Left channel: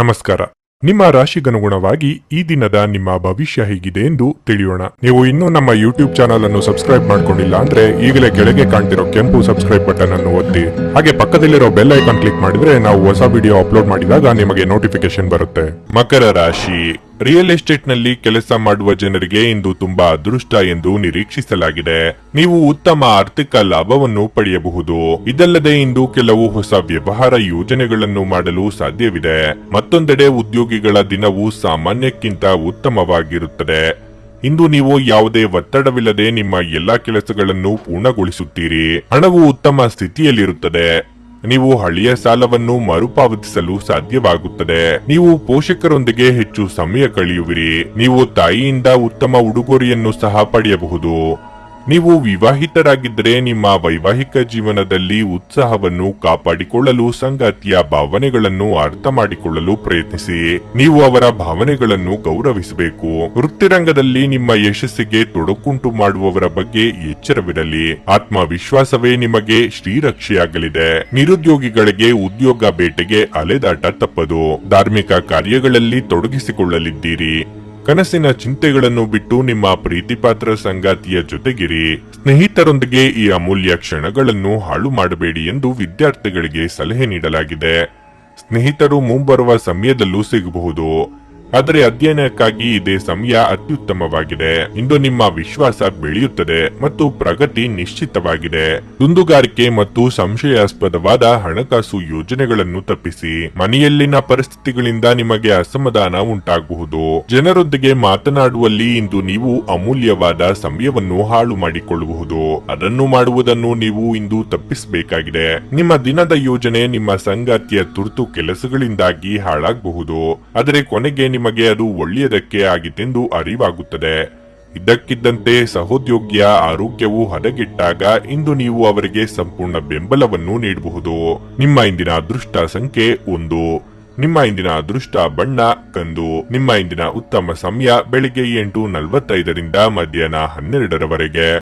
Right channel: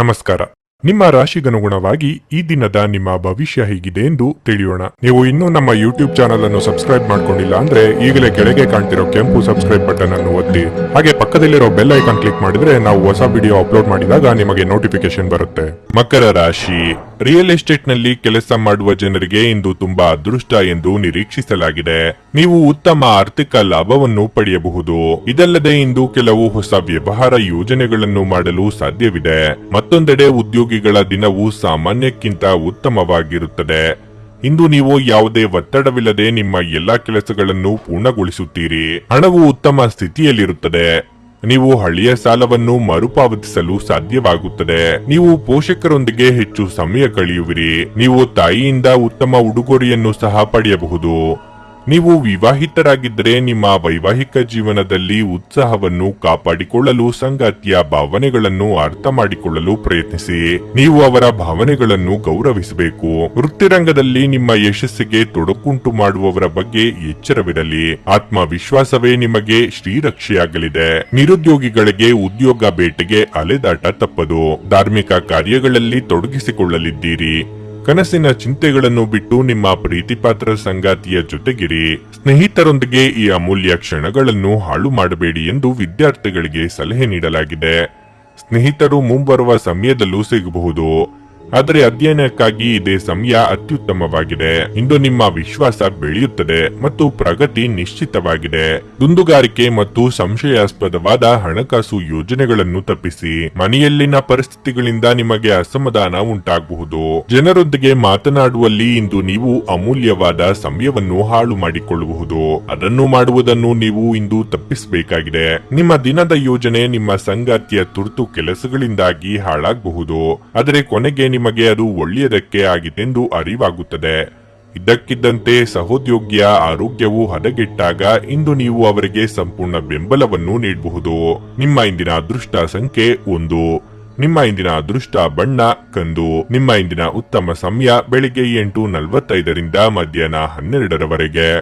ನಮಸ್ಕಾರ. ನಿಮ್ಮ ರಾಶಿಗನುಗುಣವಾಗಿ ಈ ದಿನದ ನಿಮ್ಮ ಭವಿಷ್ಯ ಹೇಗಿದೆ ಎಂದು ತಿಳಿಯೋಣ. ನೀವು ಇನ್ನೂ ನಮ್ಮ ಯೂಟ್ಯೂಬ್ ಚಾನಲ್ ಅನ್ನು ಸಬ್ಸ್ಕ್ರೈಬ್ ಮಾಡ್ಕೊಂಡಿಲ್ಲ ಅಂದ್ರೆ ಈಗಲೇ ಕೆಳಗೆ ಕಾಣ್ತಿರೋ ಕೆಂಪು ಸಬ್ಸ್ಕ್ರೈಬ್ ಬಟನ್ ಅನ್ನು ಒತ್ತಿ. ಹಾಗೆ ಪಕ್ಕದಲ್ಲಿರೋ ಬೆಲ್ ಐಕಾನ್ ಕ್ಲಿಕ್ ಮಾಡಿದ್ರೆ ನಾವು ಹೊಸ ವಿಡಿಯೋ ಅಪ್ಲೋಡ್ ಮಾಡಿದಾಗ ನಿಮಗೆ ನೋಟಿಫಿಕೇಶನ್ ಬರುತ್ತೆ. ಮಕರ ರಾಶಿ. ರಿಯಲ್ ಎಸ್ಟೇಟ್ ನಲ್ಲಿ ಕೆಲಸ ಮಾಡುವ ಜನರಿಗೆ ಇಂದು ತುಂಬಾ ಅದೃಷ್ಟ ಎಂದು ನಿರೀಕ್ಷಿಸಲಾಗಿದೆ. ನೀವು ಉತ್ತಮ ಆರ್ಥಿಕ ಲಾಭವನ್ನು ಪಡೆಯಬಹುದು. ಇದಲ್ಲದೆ ಇಂದು ಕೆಲವು ಹೊಸ ವ್ಯವಹಾರ ಯೋಜನೆಗಳನ್ನು ಮಾಡಲು ಸಾಧ್ಯವಿದೆ. ಮತ್ತೊಂದೆಡೆ ಉದ್ಯೋಗಿಗಳ ದಿನವು ಸಾಮಾನ್ಯಕ್ಕಿಂತ ಉತ್ತಮವಾಗಿರುತ್ತದೆ. ಇಂದು ನೀವು ಯಾವುದೇ ಒತ್ತಡವಿಲ್ಲದೆ ನಿಮ್ಮ ಎಲ್ಲಾ ಕೆಲಸಗಳನ್ನು ಪೂರ್ಣಗೊಳಿಸುತ್ತೀರಿ. ಹಣವು ಉತ್ತಮ ಸ್ಥಿತಿಯಲ್ಲಿರುತ್ತದೆ. ನೀವು ಹಳೆಯ ಸಾಲವನ್ನು ಮರುಪಾವತಿಸಲು ಸಾಧ್ಯವಾಗುತ್ತದೆ. ನೀವು ಪೋಷಕರೊಂದಿಗೆ ಹೆಚ್ಚು ಸಮಯ ಕಳೆಯುವಿರಿ. ನೀವು ತಾಯಿಯಿಂದ ಉತ್ತಮ ಉಡುಗೊರೆಯನ್ನು ಸಹ ಪಡೆಯಬಹುದು. ನೀವು ವಿವಾಹಿತರಾಗಿದ್ದರೆ ನಿಮ್ಮ ವೈವಾಹಿಕ ಜೀವನದಲ್ಲಿ ಉತ್ಸಾಹವನ್ನು ಕಾಪಾಡಿಕೊಳ್ಳಲು ಸಂಗಾತಿಯ ಭಾವನೆಗಳನ್ನು ಅರ್ಥ ಮಾಡಿಕೊಳ್ಳಲು ಪ್ರಯತ್ನಿಸಿ. ನೀವು ಅವರ ಭಾವನೆಗಳನ್ನು ಗೌರವಿಸಬೇಕು. ವೃತ್ತಿರಂಗದಲ್ಲಿ ನಿಮ್ಮ ಯಶಸ್ಸಿಗೆ ತೊಡಕುಂಟು ಮಾಡುವವರ ಬಗ್ಗೆ ಎಚ್ಚರವಿರಲಿ. ಆತ್ಮವಿಶ್ವಾಸವೇ ನಿಮಗೆ ಶ್ರೀರಕ್ಷೆಯಾಗಲಿದೆ. ನಿರುದ್ಯೋಗಿಗಳಿಗೆ ಉದ್ಯೋಗ ಬೇಟೆಗೆ ಅಲೆದಾಟ ತಪ್ಪದು. ಧಾರ್ಮಿಕ ಕಾರ್ಯಗಳಲ್ಲಿ ತೊಡಗಿಸಿಕೊಳ್ಳಲಿದ್ದೀರಿ. ಕನಸಿನ ಚಿಂತೆಗಳನ್ನು ಬಿಟ್ಟು ನಿಮ್ಮ ಪ್ರೀತಿಪಾತ್ರ ಸಂಗಾತಿಯ ಜೊತೆಗಿರಿ. ಸ್ನೇಹಿತರೊಂದಿಗೆ ಈ ಅಮೂಲ್ಯ ಕ್ಷಣಗಳನ್ನು ಹಾಳು ಮಾಡಬೇಡಿ ಎಂದು ವಿದ್ಯಾರ್ಥಿಗಳಿಗೆ ಸಲಹೆ ನೀಡಲಾಗಿದೆ. ಸ್ನೇಹಿತರು ಮುಂಬರುವ ಸಮಯದಲ್ಲೂ ಸಿಗಬಹುದು, ಆದರೆ ಅಧ್ಯಯನಕ್ಕಾಗಿ ಇದೇ ಸಮಯ ಅತ್ಯುತ್ತಮವಾಗಿದೆ. ಇಂದು ನಿಮ್ಮ ವಿಶ್ವಾಸ ಬೆಳೆಯುತ್ತದೆ ಮತ್ತು ಪ್ರಗತಿ ನಿಶ್ಚಿತವಾಗಿದೆ. ದುಂದುಗಾರಿಕೆ ಮತ್ತು ಸಂಶಯಾಸ್ಪದವಾದ ಹಣಕಾಸು ಯೋಜನೆಗಳನ್ನು ತಪ್ಪಿಸಿ. ಮನೆಯಲ್ಲಿನ ಪರಿಸ್ಥಿತಿಗಳಿಂದ ನಿಮಗೆ ಅಸಮಾಧಾನ ಉಂಟಾಗಬಹುದು. ಜನರೊಂದಿಗೆ ಮಾತನಾಡುವಲ್ಲಿ ಇಂದು ನೀವು ಅಮೂಲ್ಯವಾದ ಸಮಯವನ್ನು ಹಾಳು ಮಾಡಿಕೊಳ್ಳಬಹುದು. ಅದನ್ನು ಮಾಡುವುದನ್ನು ನೀವು ಇಂದು ತಪ್ಪಿಸಬೇಕಾಗಿದೆ. ನಿಮ್ಮ ದಿನದ ಯೋಜನೆ ನಿಮ್ಮ ಸಂಗಾತಿಯ ತುರ್ತು ಕೆಲಸಗಳಿಂದಾಗಿ ಹಾಳಾಗಬಹುದು, ಆದರೆ ಕೊನೆಗೆ ನಿಮಗೆ ಅದು ಒಳ್ಳೆಯದಕ್ಕೆ ಆಗಿತ್ತೆಂದು ಅರಿವಾಗುತ್ತದೆ. ಇದ್ದಕ್ಕಿದ್ದಂತೆ ಸಹೋದ್ಯೋಗಿಯ ಆರೋಗ್ಯವು ಹದಗೆಟ್ಟಾಗ ಇಂದು ನೀವು ಅವರಿಗೆ ಸಂಪೂರ್ಣ ಬೆಂಬಲವನ್ನು ನೀಡಬಹುದು. ನಿಮ್ಮ ಇಂದಿನ ಅದೃಷ್ಟ ಸಂಖ್ಯೆ 1. ನಿಮ್ಮ ಇಂದಿನ ಅದೃಷ್ಟ ಬಣ್ಣ ಕಂದು. ನಿಮ್ಮ ಇಂದಿನ ಉತ್ತಮ ಸಮಯ ಬೆಳಿಗ್ಗೆ 8:45 ರಿಂದ ಮಧ್ಯಾಹ್ನ 12 ರವರೆಗೆ.